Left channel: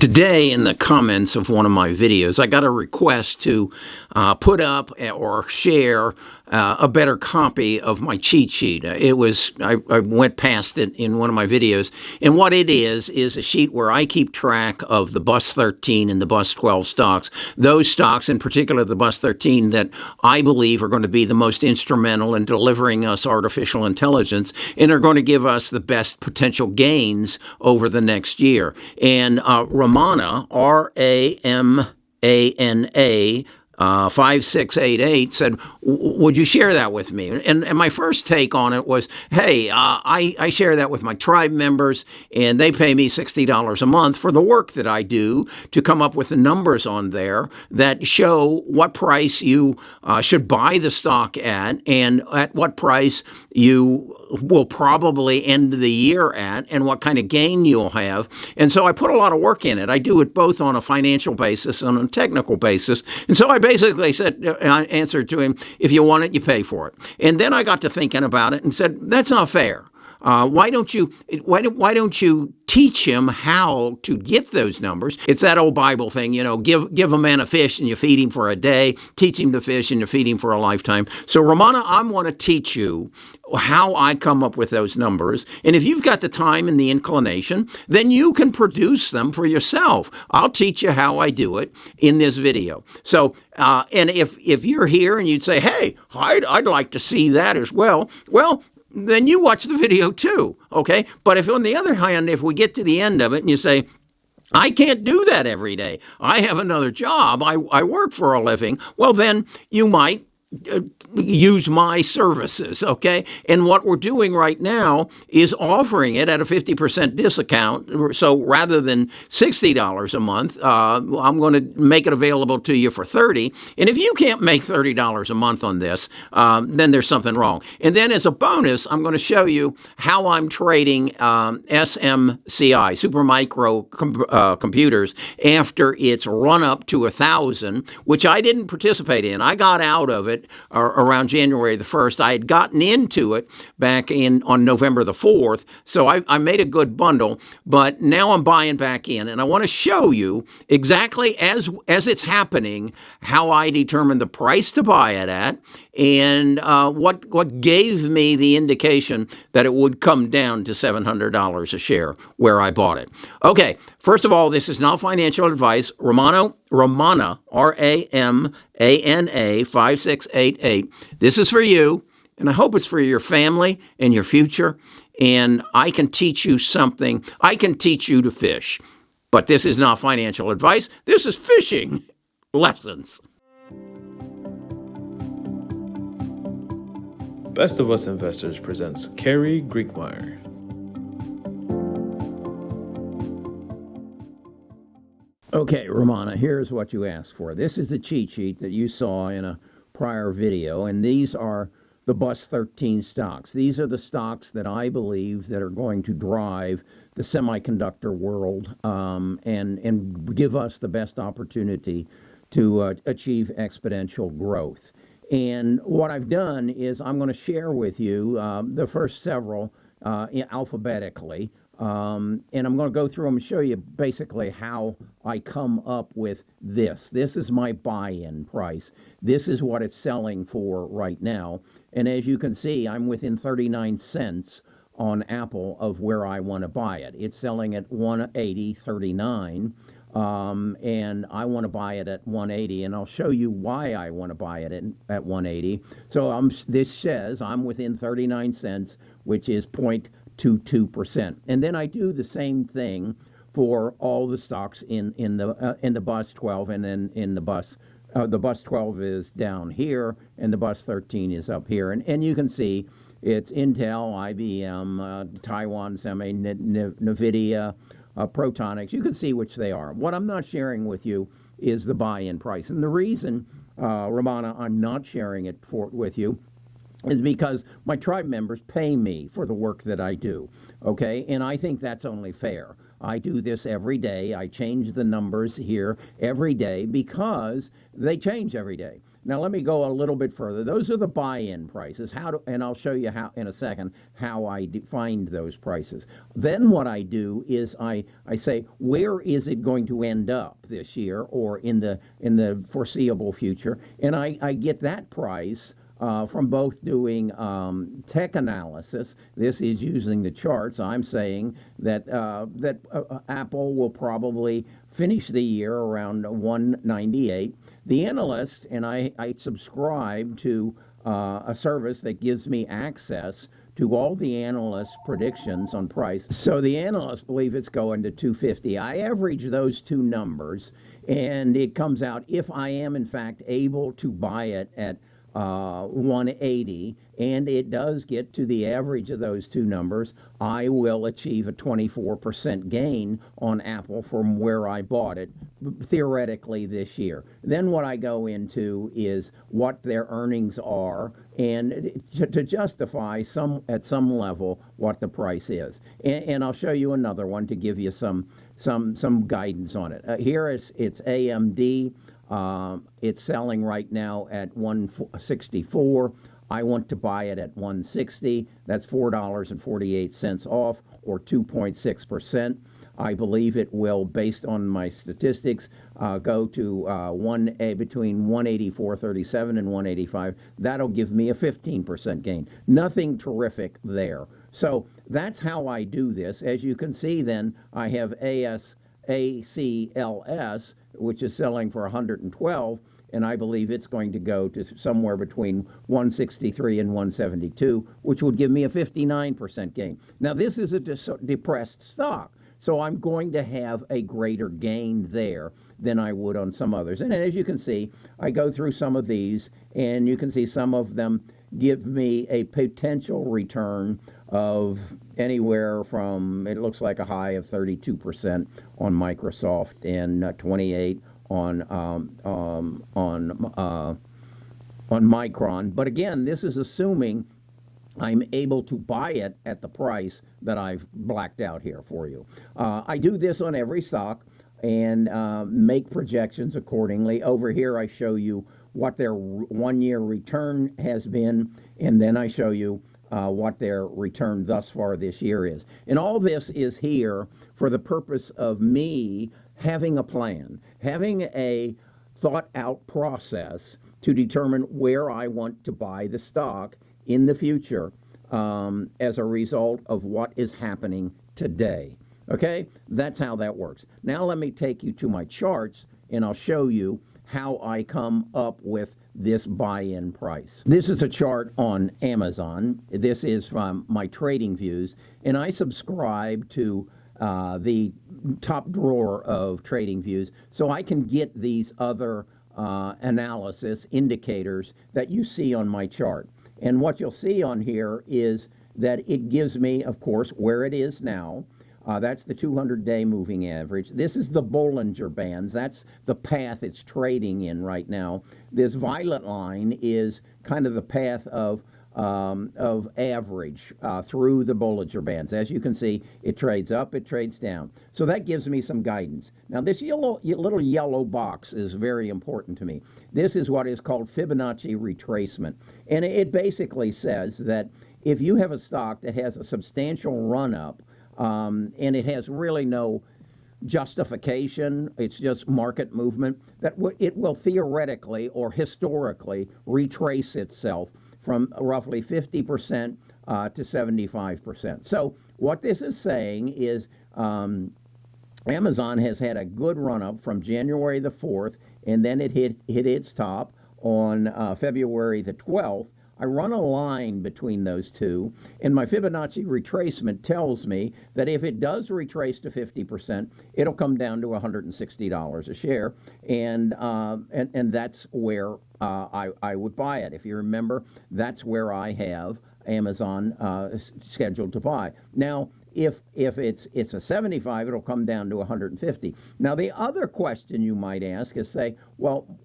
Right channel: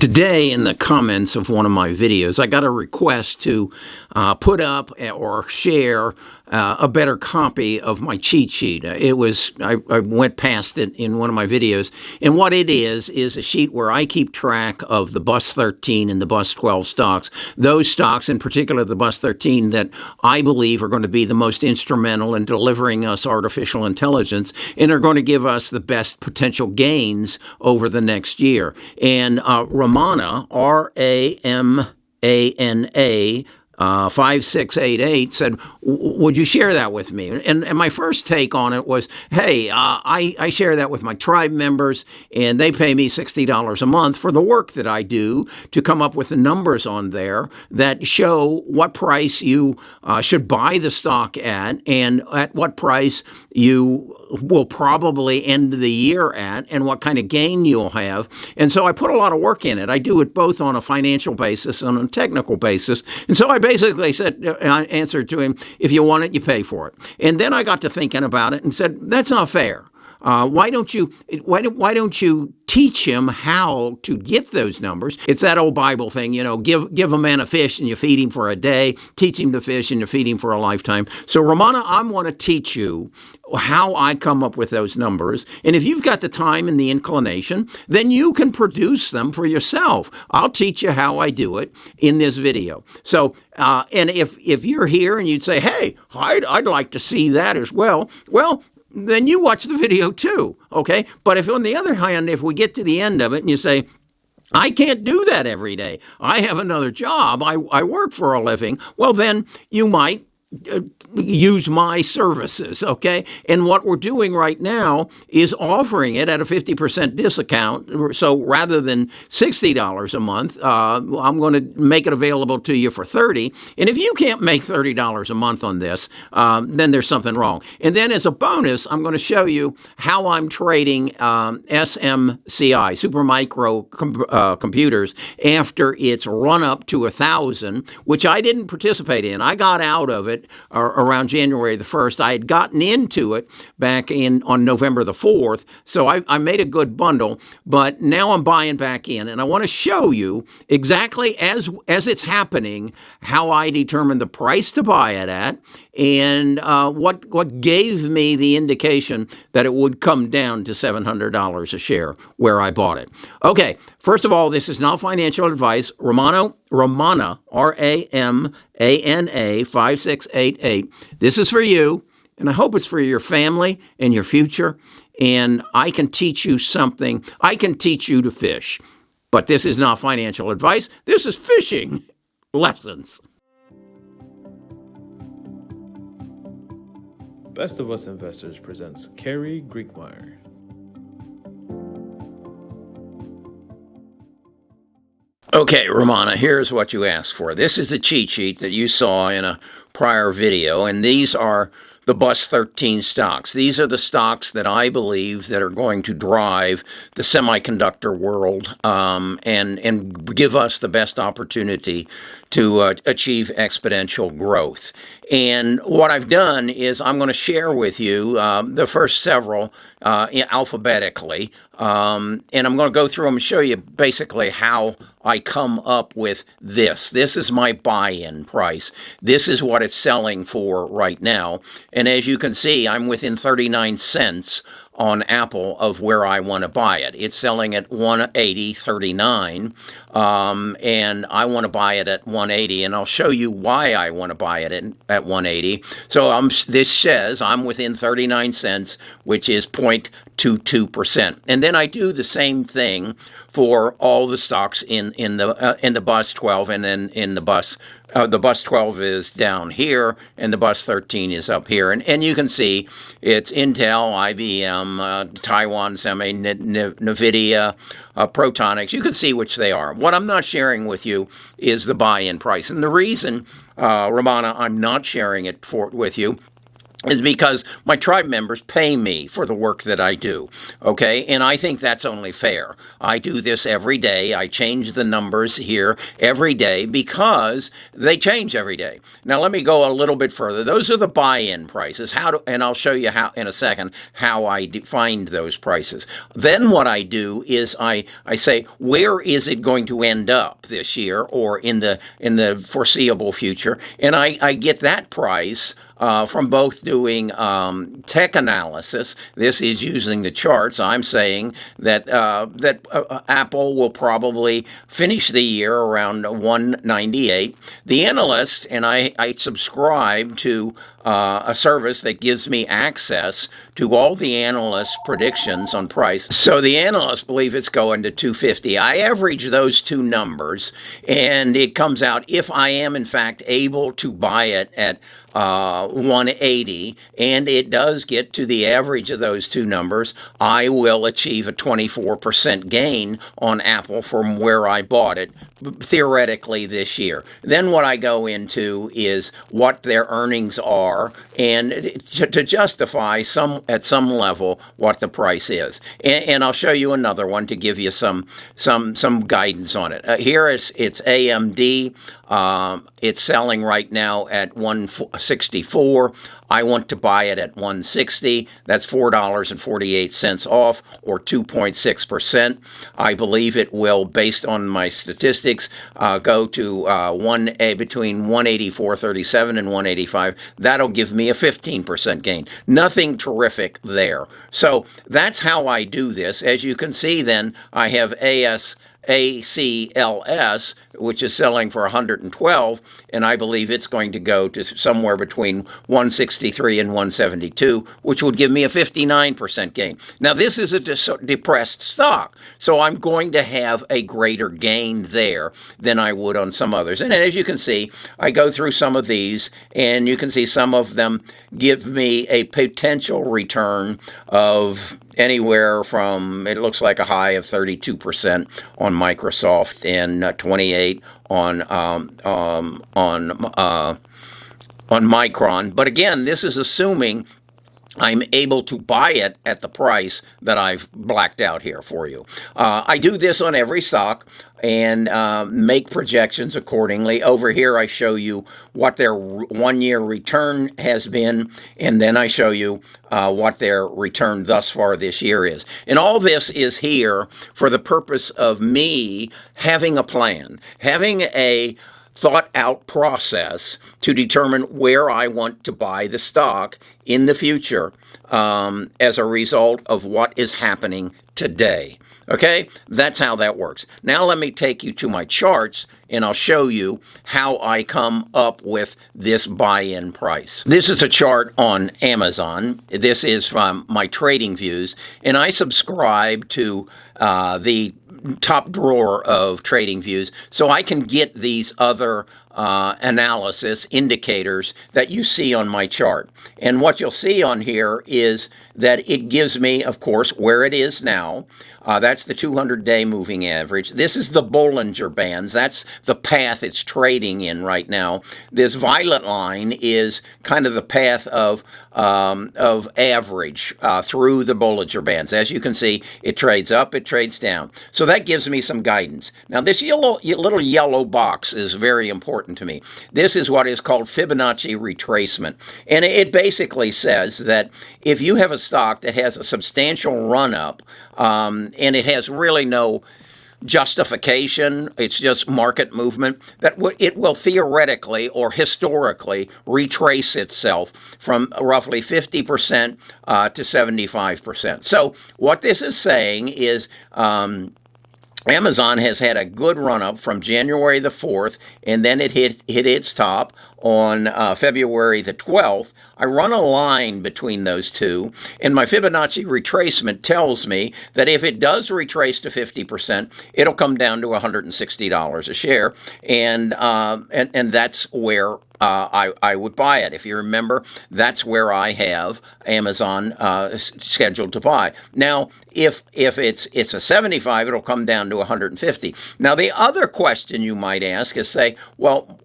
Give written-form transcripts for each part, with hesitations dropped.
Today, in the comments of one of my videos, I got a request to put up or share a better copy of my cheat sheet. I went past it in one of my videos, and what it is a sheet where I keep track of the Bus 13 and the Bus 12 stocks. Those stocks, in particular the Bus 13, that I believe are going to be the most instrumental in delivering us artificial intelligence and are going to give us the best potential gains over the next year. And Ramana, Ramana, 5688 said, would you share that with me? And my first take on it was, hey, I share that with my tribe members, and they pay me $60 a month for the work that I do to come up with the numbers on there that show what price you should buy the stock at and at what price you will probably end the year at and what kind of gain you'll have. And so I put a lot of work in it. I do it both on a financial basis and on a technical basis. And so I basically I answered to him, if you want it, you pay for it. And then I got to thinking about it and said, that's not fair. Why don't you teach him how to get those numbers? It's that old Bible thing, give a man a fish and you feed him for a day, teach him to fish and you feed him for a lifetime. So Ramana, I want to teach you how I come up with those numbers. And if you've got the time and the inclination, then you can produce them for yourself. I'll teach you how I do it in this video. So, and if you're here and you'd say, hey, I'd like to see that as well, then you watch the video too, okay? But if on the other hand, if we get to the end of it and you say, I can't do that every day, I have another job, I work for a living, well, then you might use my services, okay? And what we're doing right now is offering it at a 50% discount. So rather than $60 a month, I'm going to make it available to you for $30. And if you can't make $30 a month on this, then there's something wrong. And then as a bonus, I'm going to show you how I'm trading SMCI, Supermicro computers, after it's run up to 1,000, which I didn't participate in. I got out of it around January the 1st. I had gotten into it back on November the 4th, so I made a good bundle, but now I'm buying back in, and I want to show you exactly as it's happening how I determine the price to buy it at and what gave me the indication that it would come down to $700 a share where I bought it. Okay, first of all, this is not financial advice. Ramana, Ramana, 5688. This is for you, and I hope it's for your family and your future, and I can teach you something. I can teach you to fish, but this is not financial advice. This is fishing lessons. Best of Us Investors presents Kerry Griegmeyer. Okay, Ramana, here's what you asked for. This is the cheat sheet that you saw in a prior video, and these are the Bus 13 stocks. These are the stocks that I believe that are going to drive the semiconductor world and give us the best opportunity to achieve exponential growth. And what I've done is I'm going to share with you the first several alphabetically, and I'm going to go through them and show you basically how I come up with this. This is my buy-in price. This is what it's selling for right now. And as you can see, I'm within 39 cents on Apple of where I want to buy it. It's selling at 180.39, and I want to buy it at 180, and I'll show you why I want to buy it at 180. So this says I'm within 39 cents, which is 0.22%. And then I do the same thing for all the stocks in the Bus 12, and then in the Bus. The Bus 12 is down here, and the Bus 13 is up here. And you can see it's Intel, IBM, Taiwan Semi, NVIDIA, Protonics. You can see which they are. What I'm not sharing with you is the buy-in price. And the reason, Ramana, I'm not sharing it with you is because my tribe members pay me for the work that I do, okay? And I think that's only fair. I do this every day. I change the numbers here every day because they change every day. Now, let me go a little bit further. Those are the buy-in prices. And I'll show you how in a second how I find those prices. Then what I do is I say, where is it going to end up this year or in the foreseeable future? And I get that price from both doing tech analysis. This is using the charts. I'm saying that Apple will probably finish the year around 198. The analyst, and I subscribe to a service that gives me access to all the analysts' predictions on price. So the analysts believe it's going to 250. I average those two numbers, and it comes out, if I am in fact able to buy it at 180, and it does get to the average of those two numbers, I will achieve a 24% gain on Apple from where I bought it, theoretically, this year. Then what I go into is what their earnings are, and to justify at some level what the price is. And I'll show you another one to give you some guidance on it. Here it's AMD. It's selling right now at 164. I want to buy it at 160. That's $4.48 off, or 2.6%. I believe it will, based on my statistics, go to between 184.37 and 185. That'll give me a 15% gain. Nothing terrific there. So that's how I do this. As you can see, then I have ACLS, which is selling for 112, and I believe it's going to go to somewhere between 163 and 172, which would give me a 59% gain. Now, this is a depressed stock, so I'm going to have a greater gain there than I would on some others. And as you can see, I go through some of these, and you can see some of them give me a potential return of anywhere from, it looks like a high of 32% on Microsoft and 28 on Micron. But again, this is assuming I'm able to buy it at the price that I've blacked out here for you. I do this on every stock and make projections accordingly. Over here, I show you what their one-year return has been, and then I show you what their return thus far this year is. And all this is here for the purpose of me having a plan, having a thought-out process to determine where I want to buy the stock in the future as a result of what is happening today. Okay, that's how that works. Now let me take you to my charts, and I'll show you how I come up with this buy-in price. This is a chart on Amazon. This is from my trading views, and I subscribe to the top drawer of trading views, so I can get these other analysis indicators that you see on my chart. And what you'll see on here is that it gives me, of course, where it is now. That's the 200-day moving average. This is the Bollinger Bands. That's the path it's trading in right now. This violet line is kind of the path of average through the Bollinger Bands. As you can see, it trades up, it trades down. So that gives me some guidance. Now, this little yellow box is very important to me. This is what is called Fibonacci retracement. And it basically says that if you have a stock that has a substantial run-up, and it has really no justification, it's just market movement, that it will theoretically or historically retrace itself from roughly 50% to 75%. So what this is saying is Amazon has had a good run-up from January the 4th, and then it hit its top on February the 12th. I run a line between those two, and my Fibonacci retracement tells me that if it does retrace to 50%, it'll come down to $160 a share, and that's where I would buy it. If you remember, that's where I have Amazon scheduled to buy. Now, if it's a 75, it'll come down to 150. Now, the other question you might ask is, say, well,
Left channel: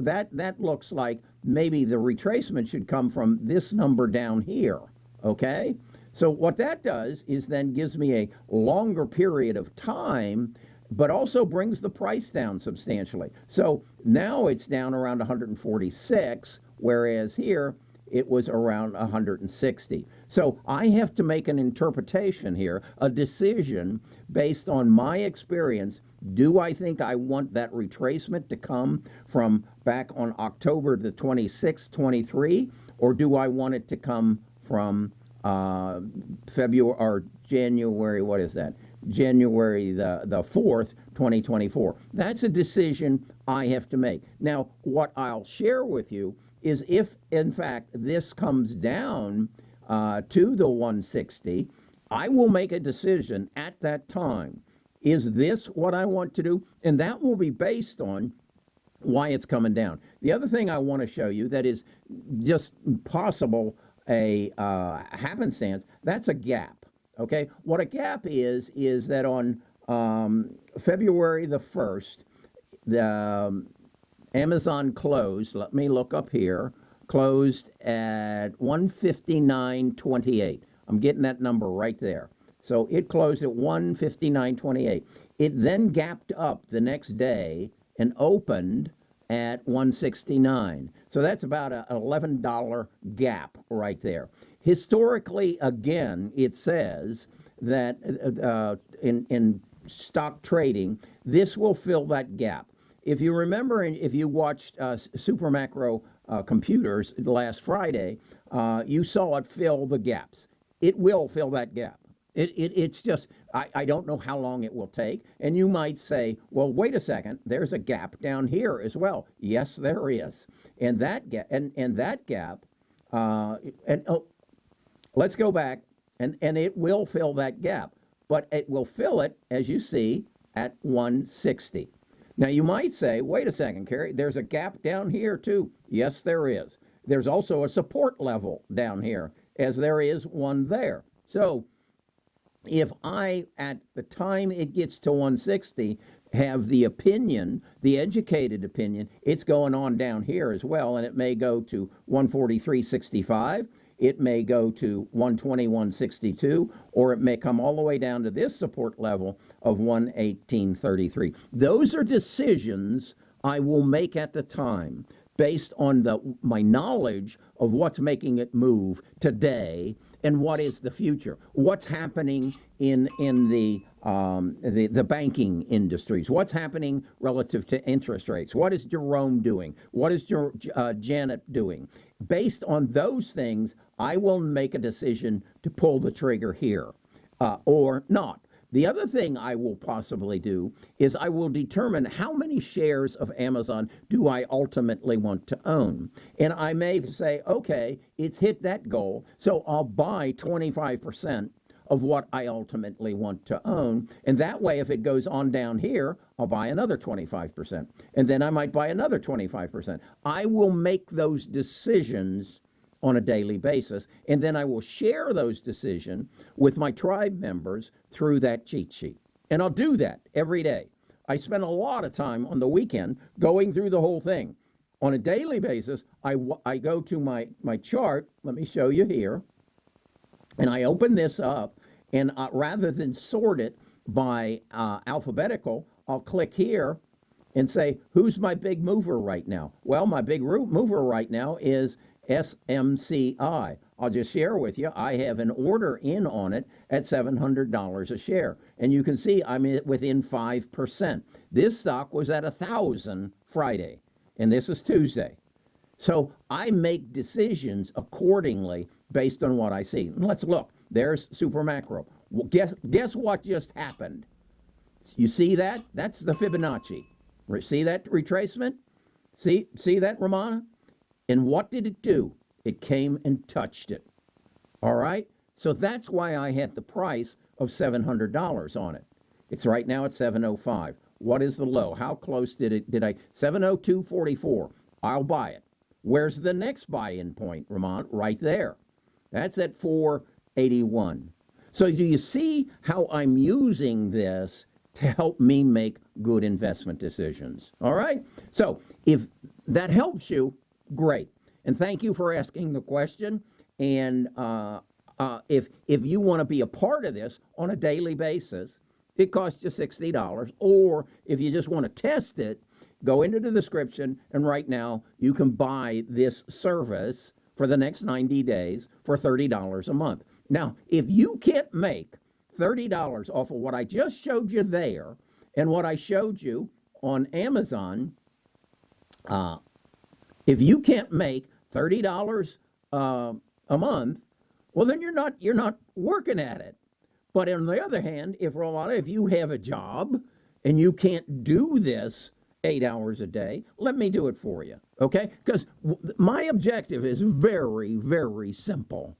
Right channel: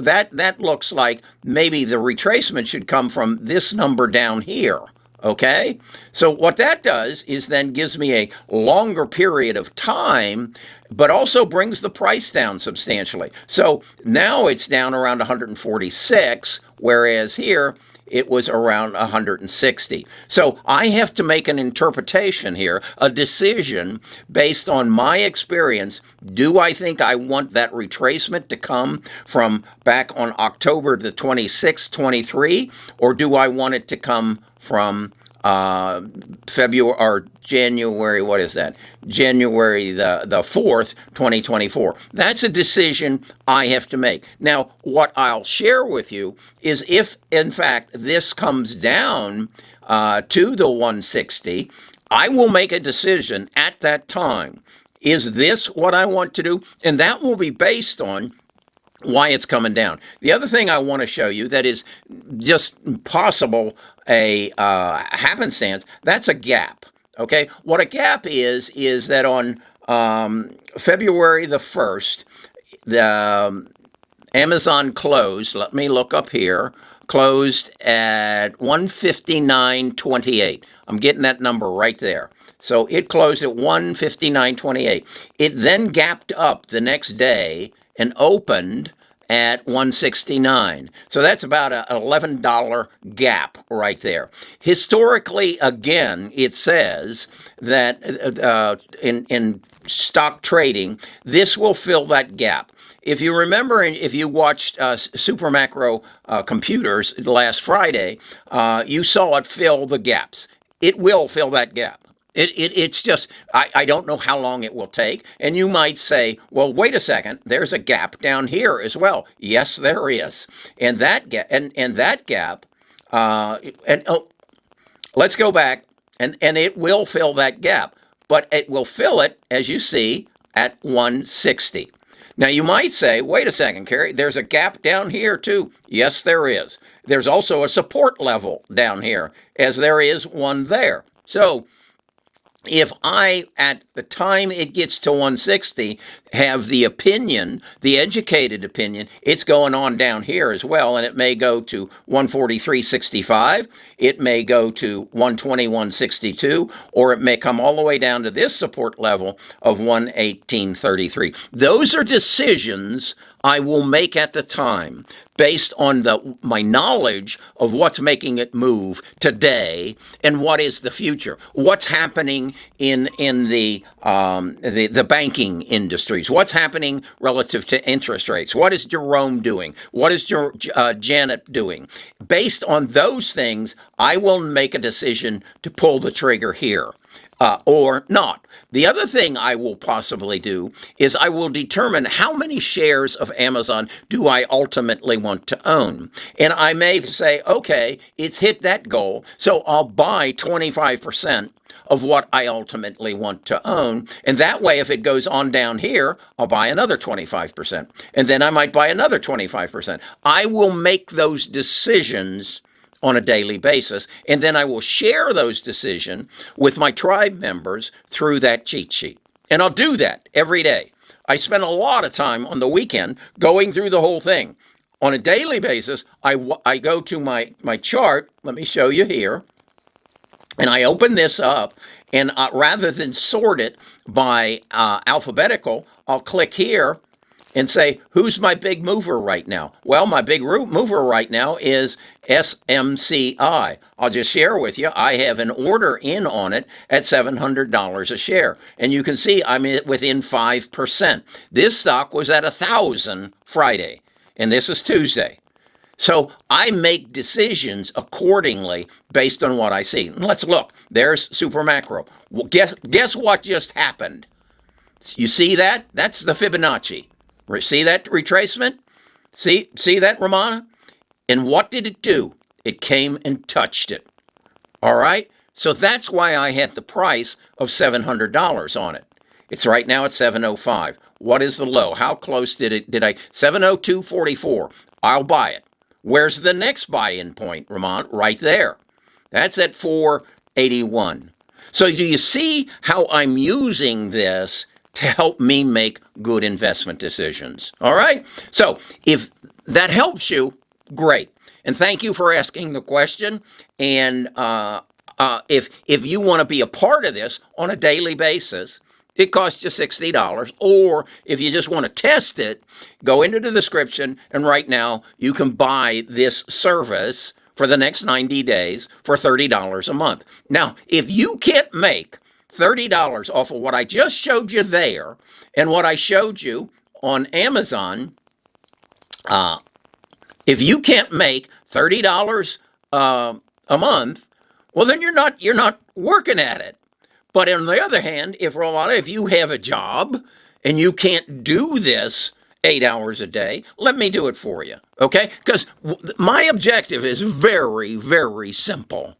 that looks like maybe the retracement should come from this number down here. Okay? So what that does is then gives me a longer period of time, but also brings the price down substantially. So now it's down around 146, whereas here it was around 160. So I have to make an interpretation here, a decision based on my experience. Do I think I want that retracement to come from back on October the 26th, 23, or do I want it to come from February or January, what is that? January the 4th, 2024. That's a decision I have to make. Now, what I'll share with you is if, in fact, this comes down to the 160, I will make a decision at that time. Is this what I want to do? And that will be based on why it's coming down. The other thing I want to show you that is just possible a happenstance, that's a gap. Okay, what a gap is that on February the 1st, the Amazon closed, let me look up here, closed at 159.28. I'm getting that number right there. So it closed at 159.28. It then gapped up the next day and opened at 169. So that's about an $11 gap right there. Historically, again, it says that in stock trading, this will fill that gap. If you remember, if you watched Super Macro Computers last Friday, you saw it fill the gaps. It will fill that gap. It's just, I don't know how long it will take. And you might say, well, wait a second, there's a gap down here as well. Yes, there is. And that gap, let's go back, and it will fill that gap. But it will fill it, as you see, at 160. Now, you might say, wait a second, Kerry, there's a gap down here, too. Yes, there is. There's also a support level down here, as there is one there. So if I, at the time it gets to 160, have the opinion, the educated opinion, it's going on down here as well, and it may go to 143.65, it may go to 121.62, or it may come all the way down to this support level of 118.33. Those are decisions I will make at the time based on my knowledge of what's making it move today and what is the future. What's happening in the banking industries? What's happening relative to interest rates? What is Jerome doing? What is Janet doing? Based on those things, I will make a decision to pull the trigger here or not. The other thing I will possibly do is I will determine how many shares of Amazon do I ultimately want to own. And I may say, okay, it's hit that goal, so I'll buy 25% of what I ultimately want to own. And that way, if it goes on down here, I'll buy another 25%. And then I might buy another 25%. I will make those decisions on a daily basis, and then I will share those decisions with my tribe members through that cheat sheet. And I'll do that every day. I spend a lot of time on the weekend going through the whole thing. On a daily basis, I go to my chart. Let me show you here. And I open this up, and rather than sort it by alphabetical, I'll click here and say, who's my big mover right now? Well, my big mover right now is SMCI. I'll just share with you, I have an order in on it at $700 a share. And you can see I'm within 5%. This stock was at 1,000 Friday, and this is Tuesday. So I make decisions accordingly based on what I see. And let's look. There's Super Macro. Well, guess what just happened? You see that? That's the Fibonacci. See that retracement? See that, Romana? And what did it do? It came and touched it. All right? So that's why I had the price of $700 on it. It's right now at 705. What is the low? How close did I? 702.44. I'll buy it. Where's the next buy-in point, Ramon? Right there. That's at 481. So do you see how I'm using this to help me make good investment decisions? All right? So if that helps you, great. And thank you for asking the question. And if you want to be a part of this on a daily basis, it costs you $60. Or if you just want to test it, go into the description, and right now you can buy this service for the next 90 days for $30 a month. Now, if you can't make $30 off of what I just showed you there and what I showed you on Amazon, if you can't make $30 a month, well, then you're not working at it. But on the other hand, if you have a job and you can't do this 8 hours a day, let me do it for you, okay? Because my objective is very, very simple,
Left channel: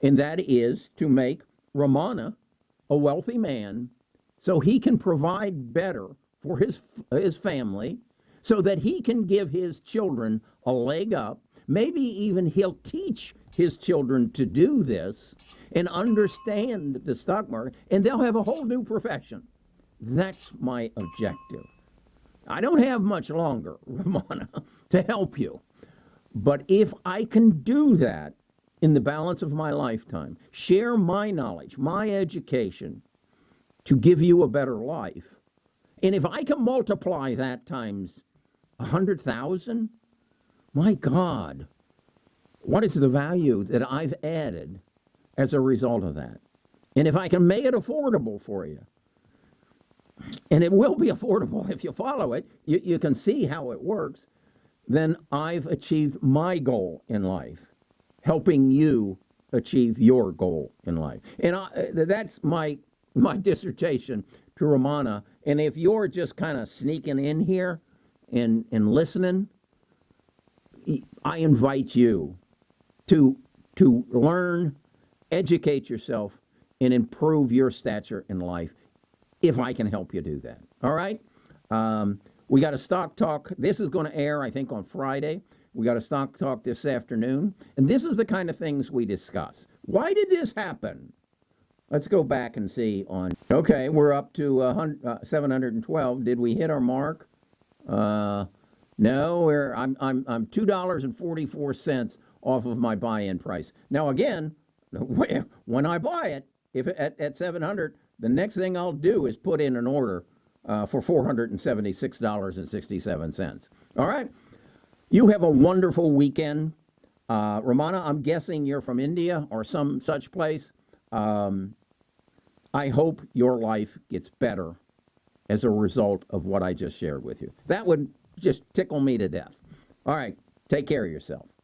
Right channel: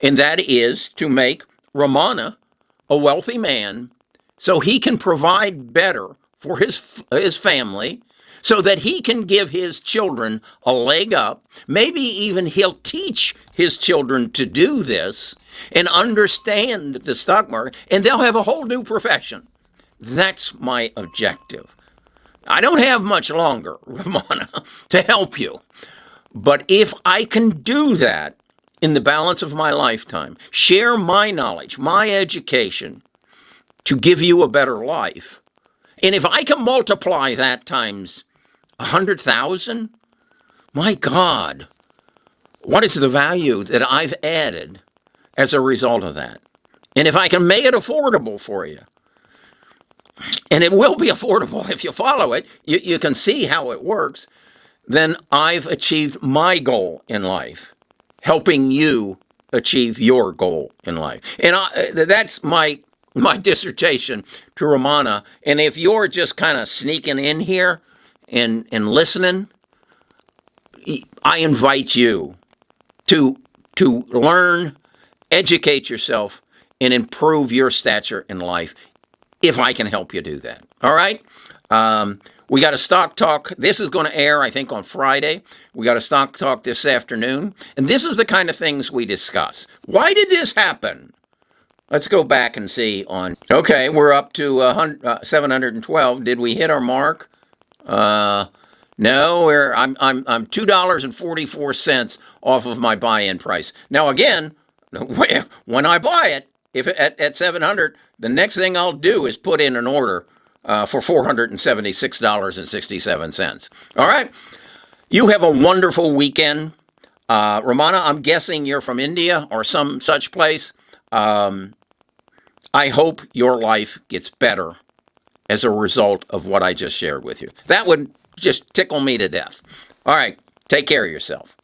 and that is to make Ramana a wealthy man so he can provide better for his family, so that he can give his children a leg up. Maybe even he'll teach his children to do this and understand the stock market, and they'll have a whole new profession. That's my objective. I don't have much longer, Ramona, to help you. But if I can do that in the balance of my lifetime, share my knowledge, my education to give you a better life, and if I can multiply that times 100,000, my God, what is the value that I've added as a result of that? And if I can make it affordable for you, and it will be affordable if you follow it, you can see how it works, then I've achieved my goal in life, helping you achieve your goal in life. And that's my dissertation to Ramana. And if you're just kind of sneaking in here and listening, I invite you to learn, educate yourself, and improve your stature in life, if I can help you do that. All right? We got a stock talk. This is going to air, I think, on Friday. We got a stock talk this afternoon. And this is the kind of things we discuss. Why did this happen? Let's go back and see on. Okay, we're up to 712. Did we hit our mark? No, I'm $2.44 off of my buy-in price. Now again, when I buy it, if at 700, the next thing I'll do is put in an order for $476.67. All right, you have a wonderful weekend, Ramana. I'm guessing you're from India or some such place. I hope your life gets better as a result of what I just shared with you. That would just tickle me to death. All right, take care of yourself.